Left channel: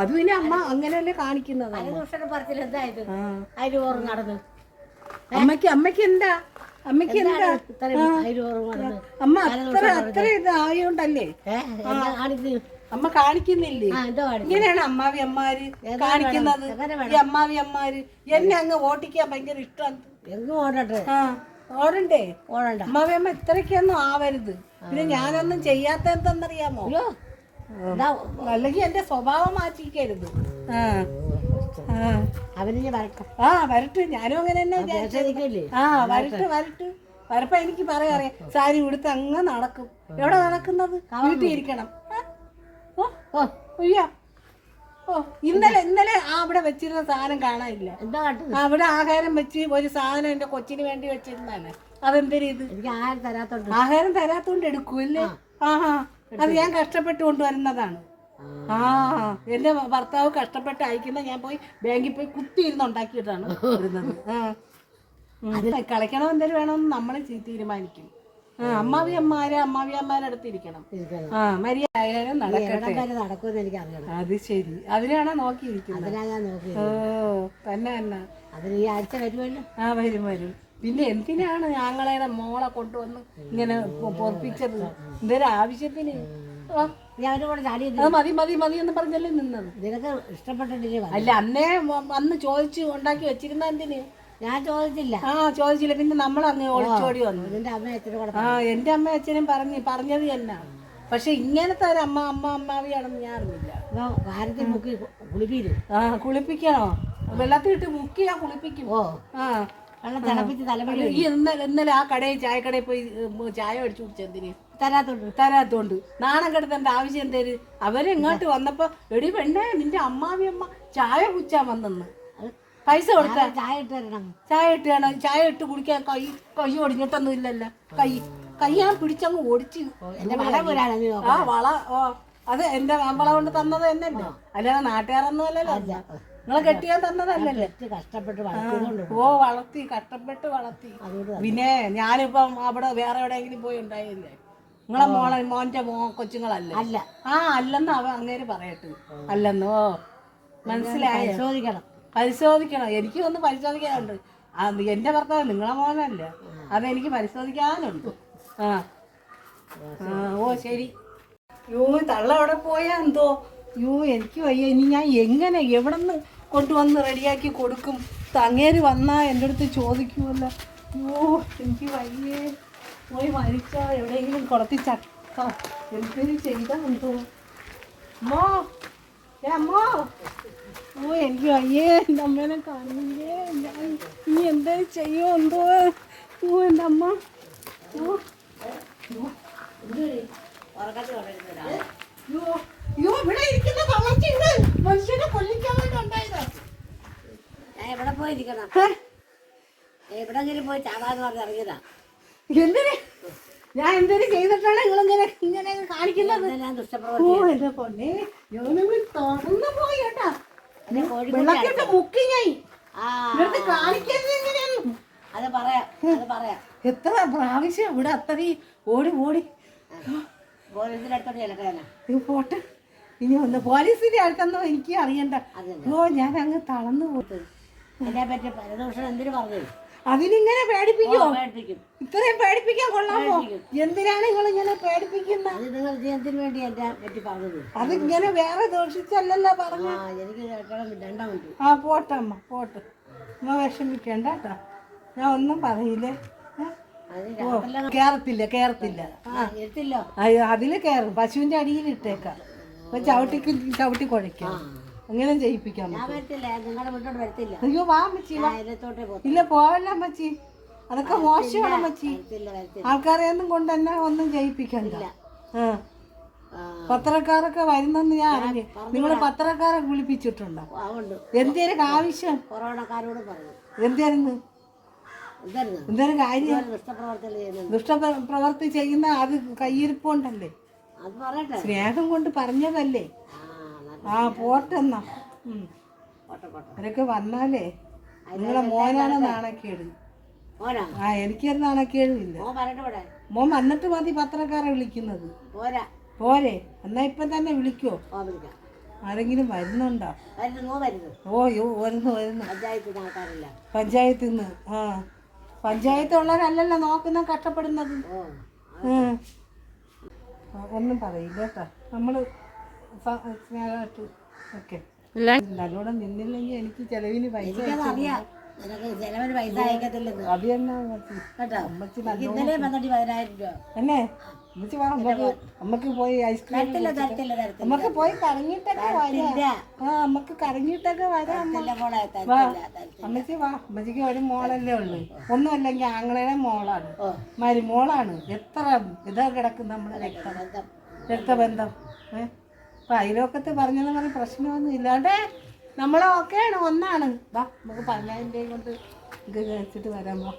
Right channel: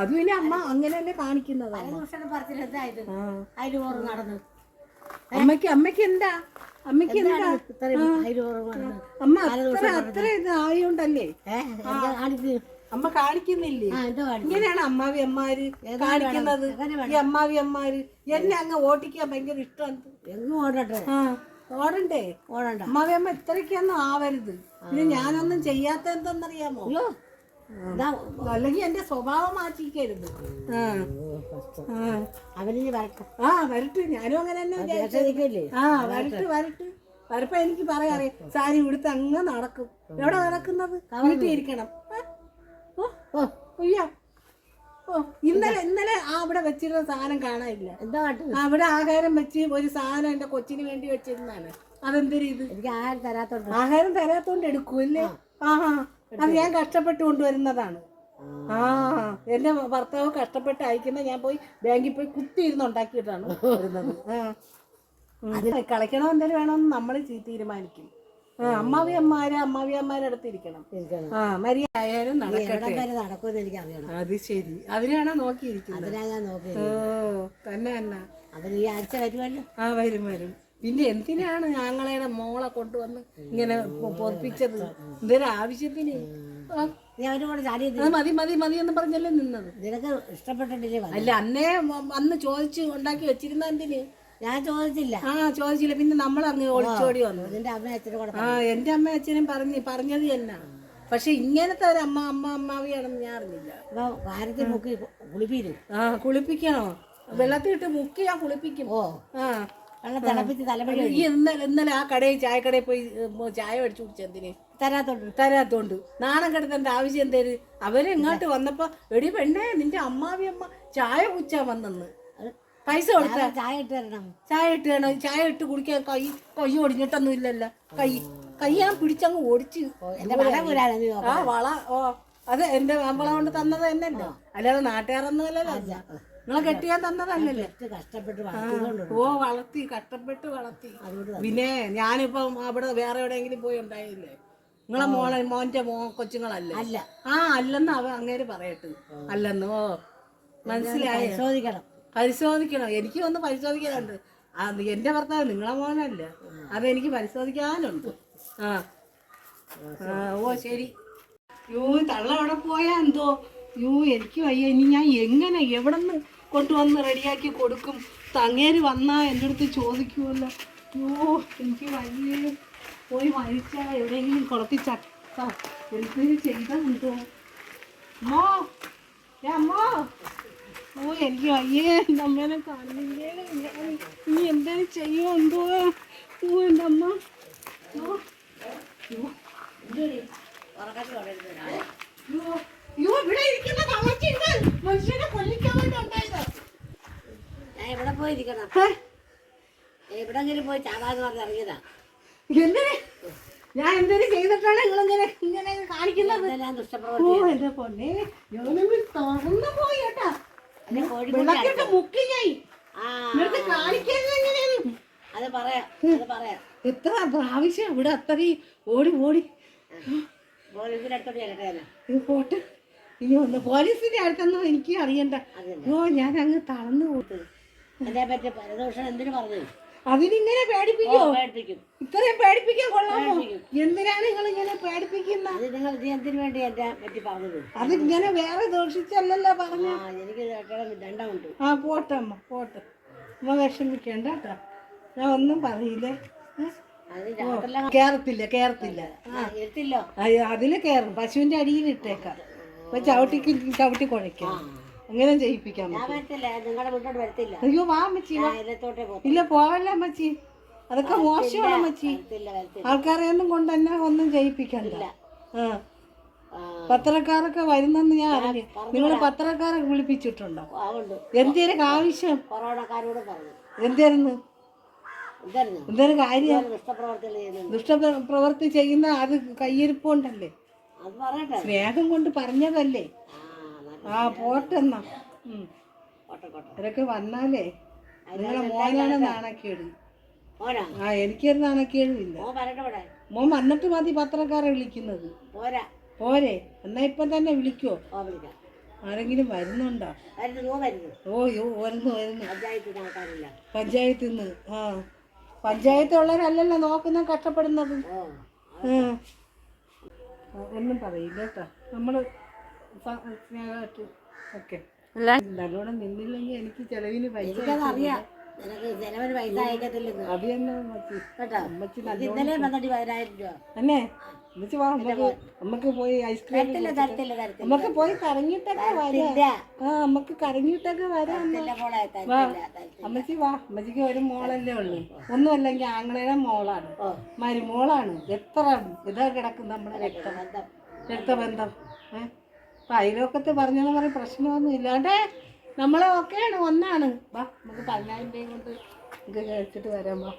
അത് പിന്നെ അമ്മ അങ്ങനെയല്ലേ കാണിക്കുന്നത് അമ്മയ്ക്ക് അമ്മയ്ക്ക് എന്താ? അമ്മയ്ക്ക് എന്താ? അമ്മ അത്ര അത്ര ഇത് ആയോണ്ടല്ലേ അമ്മ കാണിക്കുന്നില്ലേ? ഇങ്ങനെയാണ് അമ്മാവി അമ്മാര് കാണിക്കുന്നത്? ഈ അമ്മാവി അമ്മാര് എന്നെ അങ്ങ് ഓട്ടിക്കാൻ ഭയങ്കര ഇഷ്ടമാണ്. എങ്ങും ഓടട്ടെ ഓടണ്ടേ? ഓടണ്ട. അമ്മാവി അമ്മ ഇത്രയ്ക്കൊന്നും ആവരുത്. പിന്നെ ഞാനൊന്നും ചെയ്യാത്ത എന്തെന്നറിയാമോ അല്ലെങ്കിൽ എന്റെ സ്വഭാവം മാറ്റിക്കരുത്. അവനിഞ്ഞ് വരട്ടെ. ആ വരട്ടെ. ഞാനും അങ്ങനെ തന്നെ. ആ വരട്ട് വരട്ട്. വരപ്പ എനിക്ക് പറയാ സാരി ഉടുത്ത് അങ്ങ് നടക്കും. എവിടെ നടക്കുന്നത്? വീട്ടിൽ ഇരിക്കണം. ഓ ഓ. അയ്യോ ഓ ഇന്നലെ ഇന്നലെ ആ അവിടെ വെച്ചിരുന്ന സാധനം കാണാനില്ല. എന്താ അവിടെ ആഹാരം വെച്ച് ഒരു സാധനം എന്റെ കൊച്ചിന് വേണ്ടി വെച്ചിരുന്നാണ് അതെന്തൊരു ഇത്? എനിക്ക് ആഹാരം തരാത്തോണ്ട്. ആഹാരം തരാത്തോണ്ട് എടുക്കൂല്ലേ ആഹാ. അത് ഞാൻ കഷ്ടപ്പെട്ട് കൊണ്ടുവരുന്നതാണ്. ആ എന്റെ ഭർത്താവ് കഷ്ടപ്പെട്ട് അയക്കുന്ന ഞാൻ പോയി ബാങ്കിൽ പോയി കുത്തി ഇരുന്ന് ഉണ്ടാക്കിയിട്ടാണ് വരുന്നത്. ആ. അത് കളിക്കണോ എന്തെങ്കിലും വേണമെന്ന് നമ്മൾ തീരുമാനിക്കും. ആ അമ്മാവിയന്മാരെ അമ്മാവിയന്മാരെ അടുത്തിരിക്കണം ഇരിക്കണം. ആ മര്യാദ നടക്കട്ടെ. നടക്കുമെന്ന് എനിക്ക് അറിയണം. അത് ശരി. അതിനാണ് നോക്കിയിരിക്കുന്നത്. അതിനാ ഞാൻ നോക്കി ഓ തന്നെ തന്നെ. അതിന് ഈ ആഴ്ച വരുമല്ലോ. ആ വരും വരും. പിന്നെ എന്തിനാണ് ഞങ്ങളുടെ മോളെ കൊണ്ടുവന്ന് ഇങ്ങനെ പൊറപ്പിച്ചത്? എന്തൊരു ആവശ്യത്തിന്. മതി മതി മതി എന്ന് പറഞ്ഞല്ലേ നിന്നത്? നിനക്ക് ഇഷ്ടപ്പെട്ടിട്ടില്ലേ അല്ല അന്നേ അന്ന് ചോദിച്ച് ഉണ്ടാക്കി വെച്ചിരുന്ന എന്തിന്? ഞാൻ ചോദിച്ചില്ല. ആ ചോദിച്ചില്ല. പിന്നെ നമ്മൾ അങ്ങ് ഒളിച്ചോടി വന്നു. എന്റെ അമ്മ അച്ഛനും ആ എന്റെ അമ്മ അച്ഛനും പറഞ്ഞു പറഞ്ഞത് തന്നെ പക്ഷെ ഇങ്ങനത്തെ ഒരു അമ്മ അമ്മ അമ്മാവിയാണെന്ന് ഞാൻ അറിഞ്ഞില്ല. വാരത്തിൽ മുക്കി ആ കുളിപ്പിക്കണോ? വെള്ളത്തിലിട്ട് മുക്കി ഞാൻ കുളിപ്പിക്കും. ഓ. ആ. വെള്ളം തിളപ്പിച്ച് തലമുടി ഈ ഇന്നലെ ഇന്നലെ ആ കടയിൽ ചായക്കടയിൽ പോയി ഉം, ചായ മേടിച്ചു കുടിച്ചെന്തിന് തരാത്തോണ്ട്. തരാത്തോണ്ട്. നാണം കെടുത്തേണ്ട ആവശ്യം എന്തേര് അവർ ഇങ്ങോട്ട് വന്നപ്പോ എടി പെണ്ണേ നിന്റെ അമ്മാവി അമ്മ ചായ കുച്ചാ വന്നെന്ന്. പൈസ കൊടുത്ത ഞാൻ ചായ ഇട്ട് തരണം. ചായ ഇട്ട് വേണം ചായ ഇട്ട് കുടിക്കാൻ കൈ കൈ ഒടിഞ്ഞിട്ടൊന്നും ഇല്ലല്ലോ. കൈ കൈ ഞാൻ പിടിച്ചങ്ങ് ഓടിച്ച് എന്റെ വള പോരാണ് നീ ആ വള ഓ. അത് എന്റെ നമ്മളെ കൊണ്ട് തന്നത് തന്നെയല്ലോ? അല്ലാതെ നാട്ടുകാരൊന്നും അല്ലല്ലോ. നിങ്ങളെ കെട്ടിയാൻ തന്നതല്ലല്ലേ തന്നെയല്ലേ? കഷ്ടപ്പെട്ട് ഓ വളർത്തി കഷ്ടപ്പെട്ട് വളർത്തി. പിന്നെ ഞാനിപ്പം അവിടെ വേറെ എവിടെയെങ്കിലും പോയി ഉണ്ടായില്ലേ? നിങ്ങളെ മോളെ മോന്റെ മോ കൊച്ചുങ്ങളല്ലേ? അല്ല. ആ അല്ലെന്ന് അവ അങ്ങേര് പറയട്ടെ. അല്ലെന്ന് ഓ. മനസ്സിലായോ? പരിശോധിക്കണം. പരിശോധിക്കണം. എനിക്ക് ഒന്ന് പരിശോധിക്കാനുണ്ട്. എന്റെ ഭർത്താവ് നിങ്ങളെ മോനല്ല? അതെനിക്ക് പരിശോധിക്കാനുണ്ട്. ആ. ആ ഓ ശരി. യോ തള്ള അവിടെ പോയാ എന്തോ? യൂ എനിക്ക് വയ്യ. ഇനി ഞാൻ എങ്ങനെ എവിടെ നിന്ന് കൊണ്ടുവന്ന് റെഡിയാക്കി കൊടുക്കും? തങ്ങേര് വന്നാ എന്റെ അടുത്ത് ചോദിക്കുമല്ലോ യോ എനിക്ക് വയ്യേ. പോയി മരിച്ച എവിടെയെങ്കിലും കുളത്തി ചക്ക. എന്തിനു ചെയ്താ എന്തോ അമ്മോ ഏ അമ്മോ. ഓ എനിക്ക് വയ്യേ. എന്റെ അമ്മേനെ കാണില്ലേ നീ എന്തേലും ചെയ്യോ എന്തോ? ഓ എന്റെ അമ്മ. ഓ ഉറക്കത്തിൽ എവിടെ എവിടെങ്കിലും പോയി? ഞാൻ എന്തിനു ചെയ്തിട്ടാണ് ഇങ്ങനെ കാണിക്കുന്നത് ഞാൻ ഓ എന്റെ പോയി ആ അത് പറയാം അത് പറയാം എത്ര പ്രാവശ്യം ഇവിടെ അത്രയും ഓടി ഓടി പോട്ടെ. ഇനി ഒന്ന് പോലീസിന്റെ അടുത്തൊന്നും എനിക്ക് അറിയണ്ട. ഓ ഞാൻ അങ്ങ് തളർന്നു പോട്ടത് അതിനിങ്ങനെ പേടിപ്പിക്കോ? ഇത്രയും പേടിപ്പിക്കാൻ കൊള്ളാമോ? എന്തിനാണ് നിങ്ങൾ ഇങ്ങനെ പേടിപ്പിക്കുന്നത് അത് ഇങ്ങനെ വേറെ ദോഷിച്ചല്ലല്ലോ പറഞ്ഞു. ആ എനിക്ക് ആ പോട്ടെ അമ്മ പോട്ടെ. വിഷമിക്കണ്ട കേട്ടോ. ഞാൻ ഒന്നും പറയില്ലേ? കേറത്തില്ല കേറത്തില്ല. അയ്യോ, അതിൽ കയറും പശുവിന്റെ അടിയിൽ ഇട്ടേക്കാം. അപ്പൊ ചവിട്ടി ചവിട്ടി കുഴയ്ക്കാം. അങ്ങനെ ചെയ്യിപ്പിക്കാം അയ്യോ വാ അമ്മച്ചി ഇല്ല പോവല്ല അമ്മച്ചി. അതൊക്കെ മോശമാണ് അമ്മച്ചി. ആൾക്കാരെ ഒന്നും കൊണ്ട് തന്നെ ഒന്നും ചെയ്യിപ്പിക്കണ്ട ആ. പത്രക്കാരൊക്കെ വരുന്നെന്ന് ഞാൻ അറിഞ്ഞു. നിങ്ങൾ പത്രക്കാരെ വിളിപ്പിച്ചിട്ടുണ്ടോ? എന്തേലും ആവശ്യം? കൊറോണക്കാരോട് പറഞ്ഞു. എന്തേരുന്ന്? എന്തേലും കാര്യം. ദുഷ്ടപ്രവർത്തി ദുഷ്ടപ്രവൃത്തി ചെയ്യുന്ന അത് കയ്യിരിപ്പ് കൊണ്ടല്ലേ സ്നേഹം കൊണ്ട് പറഞ്ഞതല്ലേ? ആ പോട്ടെന്നാ അവരൊക്കെ വന്നാലേ നിങ്ങളെ മോനാണ് നാണക്കേട്. ആ എനിക്കൊരു നാണക്കേടില്ല മോൻ മോൻ വന്നിട്ട് മതി പത്രക്കാരെ വിളിക്കുന്നത്. പോരാ. എന്നാ ഇപ്പം തന്നെ വിളിക്കോ. ആരെങ്കിലും വരുന്നുണ്ടോ? ഓ വരുന്നു വരുന്നു. പഞ്ചായത്തിൽ നിന്ന് ആ. പഞ്ചായത്തുള്ളവരല്ലല്ലോ നോക്കുന്ന കഷ്ടപ്പെടുന്നത്. ഒന്നും പറയില്ല കേട്ടോ. നമ്മൾ സ്നേഹമായിട്ട് ഓക്കെ. നല്ലോണം നിന്നില്ലെങ്കിൽ എനിക്ക് ചെലവിന് പൈസ എനിക്കതറിയാം. നിനക്ക് ചിലവന് പൈസ അയക്കത്തില്ലെന്ന്. അത് തന്നെ അമ്മച്ചി. കേട്ടോ? അമ്മച്ചി എനിക്ക് ഇന്നലെ വന്നിട്ട് പതിനായിരം രൂപ. തന്നെ അമ്മച്ചി വാ നമുക്ക് നമുക്ക് പോയി ഐസ്ക്രീം തരത്തില്ല തരത്തില്ല തരത്തില്ല. നമുക്ക് പോയി കറങ്ങിയിട്ടൊക്കെ വരാം ഇല്ല ആ നമുക്ക് കറങ്ങിയിട്ടൊക്കെ വരാം അമ്മ. തരത്തില്ല മോളെ തരത്തില്ല തരത്തില്ല. അമ്മച്ചി വാ അമ്മച്ചിക്ക് ഒരു മോളല്ലേ ഉള്ളു. ഒന്നുമല്ലെങ്കിൽ ആങ്ങളയുടെ മോളാണ്. ഓ. മരുമോളാണ്. എത്ര ഇതാ കിടക്കും നമ്മളെ രക്തം ബന്ധം രക്തബന്ധം. ഏ? അപ്പം അയലോക്കത്ത് പറഞ്ഞെന്ന് പറഞ്ഞ് പ്രശ്നമൊന്നും ഇല്ലാണ്ടേ നമ്മളൊക്കെയാണ് ഒന്നാണ്. വാ നമുക്ക് പതിനായിരം രൂപ കൊണ്ട് ഇത് വെച്ചിട്ട് വരാം വാ.